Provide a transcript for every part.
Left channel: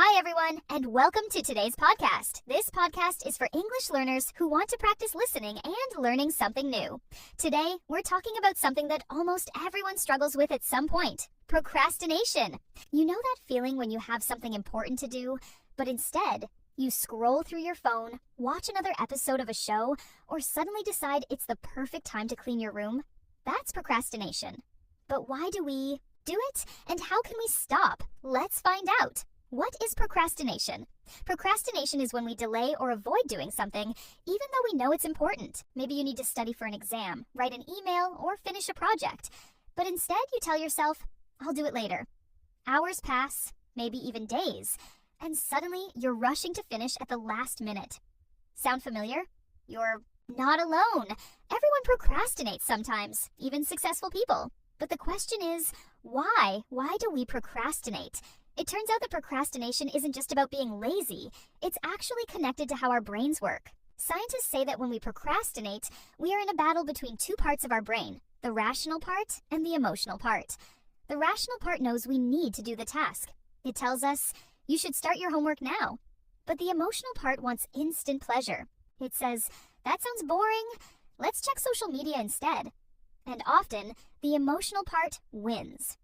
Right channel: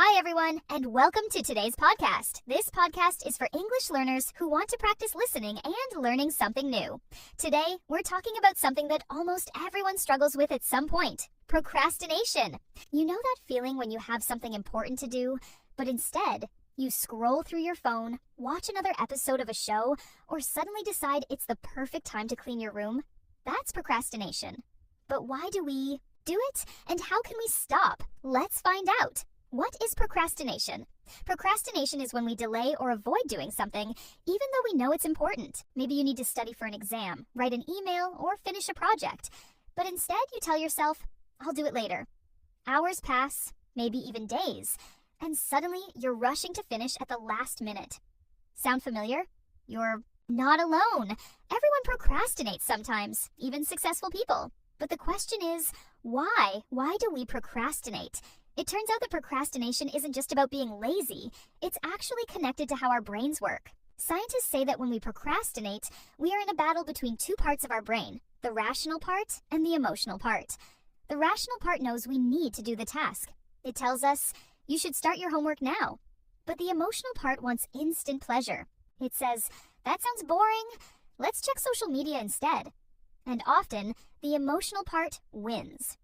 Hi, everyone, and welcome to today's podcast. This podcast is for English learners who want to practice listening and learning something new. Today, we're talking about something that almost everyone struggles with at some point: procrastination. You know that feeling when you have something important to do, but instead, you scroll through your phone, watch another episode of a show, or suddenly decide it's the perfect time to clean your room? That's procrastination. But why do we do it, and how can we stop? Let's find out. What is procrastination? Procrastination is when we delay or avoid doing something, even though we know it's important. Maybe you need to study for an exam, write an email, or finish a project. But instead, you tell yourself, I'll do it later. Hours pass, maybe even days, and suddenly you're rushing to finish at the last minute. Sound familiar? You're not alone. Everyone procrastinates sometimes, even successful people. But the question is, why? Why do we procrastinate? It turns out that procrastination isn't just about being lazy. It's actually connected to how our brains work. Scientists say that when we procrastinate, we are in a battle between two parts of our brain, the rational part and the emotional part. The rational part knows we need to do the task. It tells us, you should start your homework now. But the emotional part wants instant pleasure. It says, that sounds boring. Let's check social media instead. And often, the emotional part wins.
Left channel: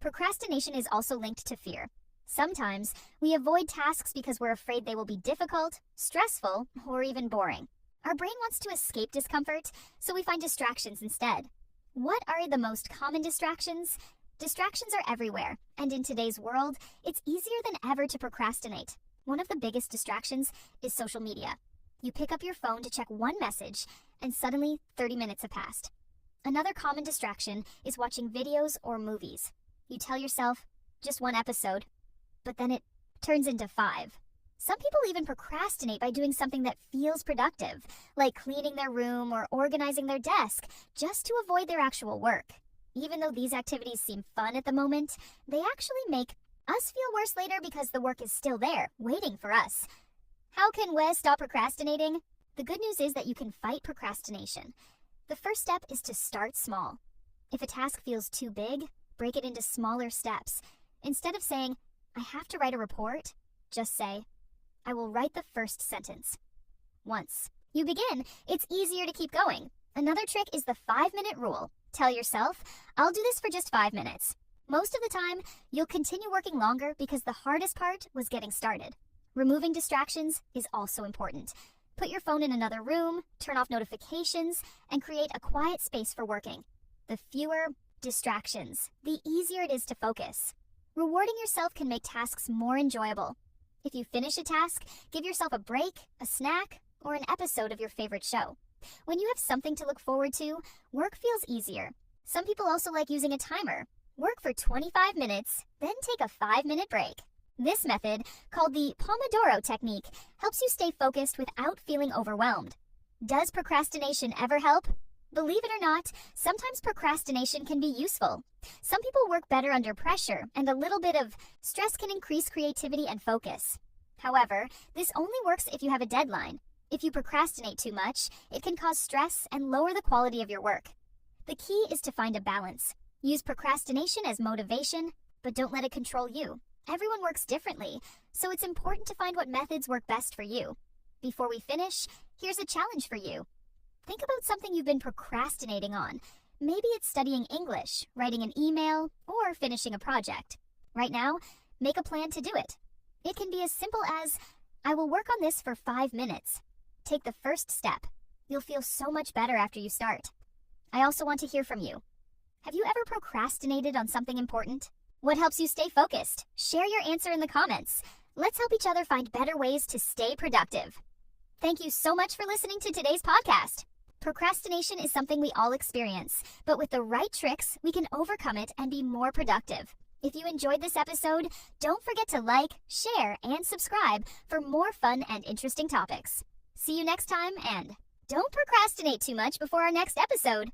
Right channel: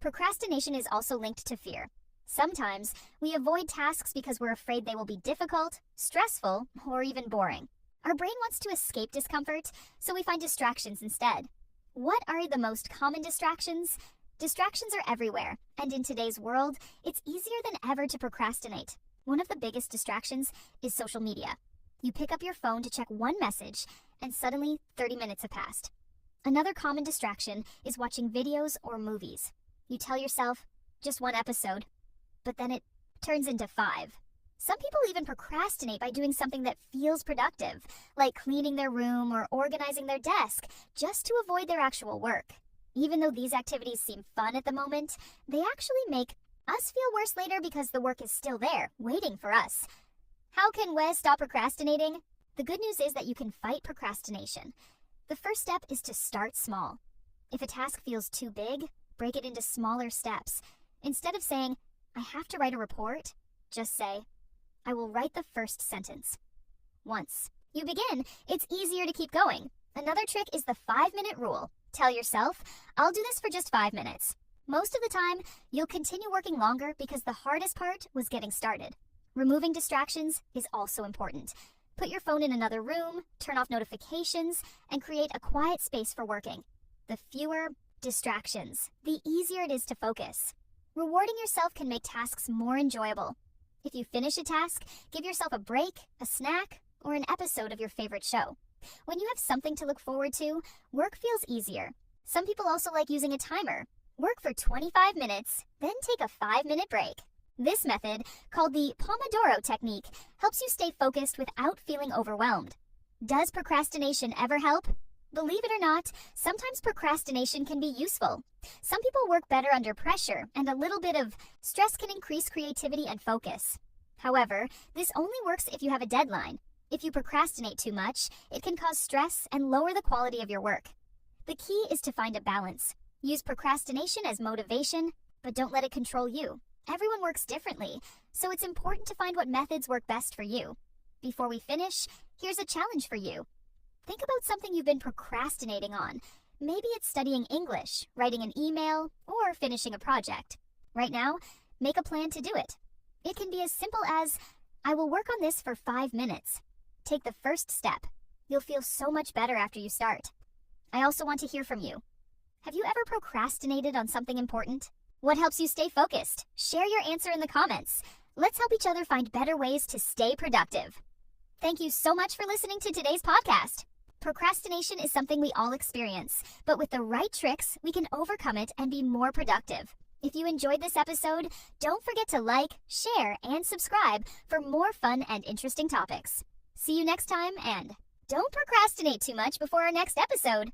Procrastination is also linked to fear. Sometimes, we avoid tasks because we're afraid they will be difficult, stressful, or even boring. Our brain wants to escape discomfort, so we find distractions instead. What are the most common distractions? Distractions are everywhere, and in today's world, it's easier than ever to procrastinate. One of the biggest distractions is social media. You pick up your phone to check one message, and suddenly 30 minutes have passed. Another common distraction is watching videos or movies. You tell yourself, just one episode, but then it turns into 5. Some people even procrastinate by doing something that feels productive, like cleaning their room or organizing their desk, just to avoid their actual work. Even though these activities seem fun at the moment, they actually make us feel worse later because the work is still there, waiting for us. How can we stop procrastinating? The good news is that you can fight procrastination. The first step is to start small. If a task feels too big, break it into smaller steps. Instead of saying, I have to write a report, just say, I will write the first sentence. Once you begin, it's easier to keep going. Another trick is the 5-minute rule. Tell yourself, I'll do this for just 5 minutes. Most of the time, you'll continue working longer because the hardest part was getting started. Removing distractions is also important. Put your phone in another room, turn off notifications, and create a quiet space for working. The fewer distractions, the easier it is to focus. Rewarding yourself can make tasks more enjoyable. If you finish a task, give yourself a break, a snack, or an episode of your favorite show. When you have something to look forward to, work feels easier. Some people also like using a timer. Work for 25 minutes, then take a 5-minute break. This method, called the Pomodoro technique, helps you stay focused without feeling overwhelmed. Does procrastination ever help? Believe it or not, sometimes procrastination can be useful. Some people work better under pressure, and a little bit of stress can increase creativity and focus. However, this only works if you have a deadline. If you procrastinate too much, it can cause stress and lower the quality of your work. The key is to find a balance. Use procrastination as motivation, but don't let it control you. Everyone works differently, so it's important to find what methods work best for you. Before we finish, here's a challenge for you. Think about something you've been procrastinating on. Maybe it's studying English, writing an email, or finishing a project. Right now, make a plan to do it. It can be as simple as, I will work on this for 5 minutes. Take the first step. You'll feel so much better after you start. I also want to hear from you. Have you ever procrastinated on something important? What helps you stay focused? Share your answer in the comments. Let's help each other find better ways to stay productive. Thank you so much for listening to today's podcast. Procrastination is something we all experience, but with the right tricks, we can overcome it and be more productive. If you enjoyed this episode, don't forget to like, share, and subscribe for more fun and interesting topics. See you next time, and don't procrastinate too much before our next episode.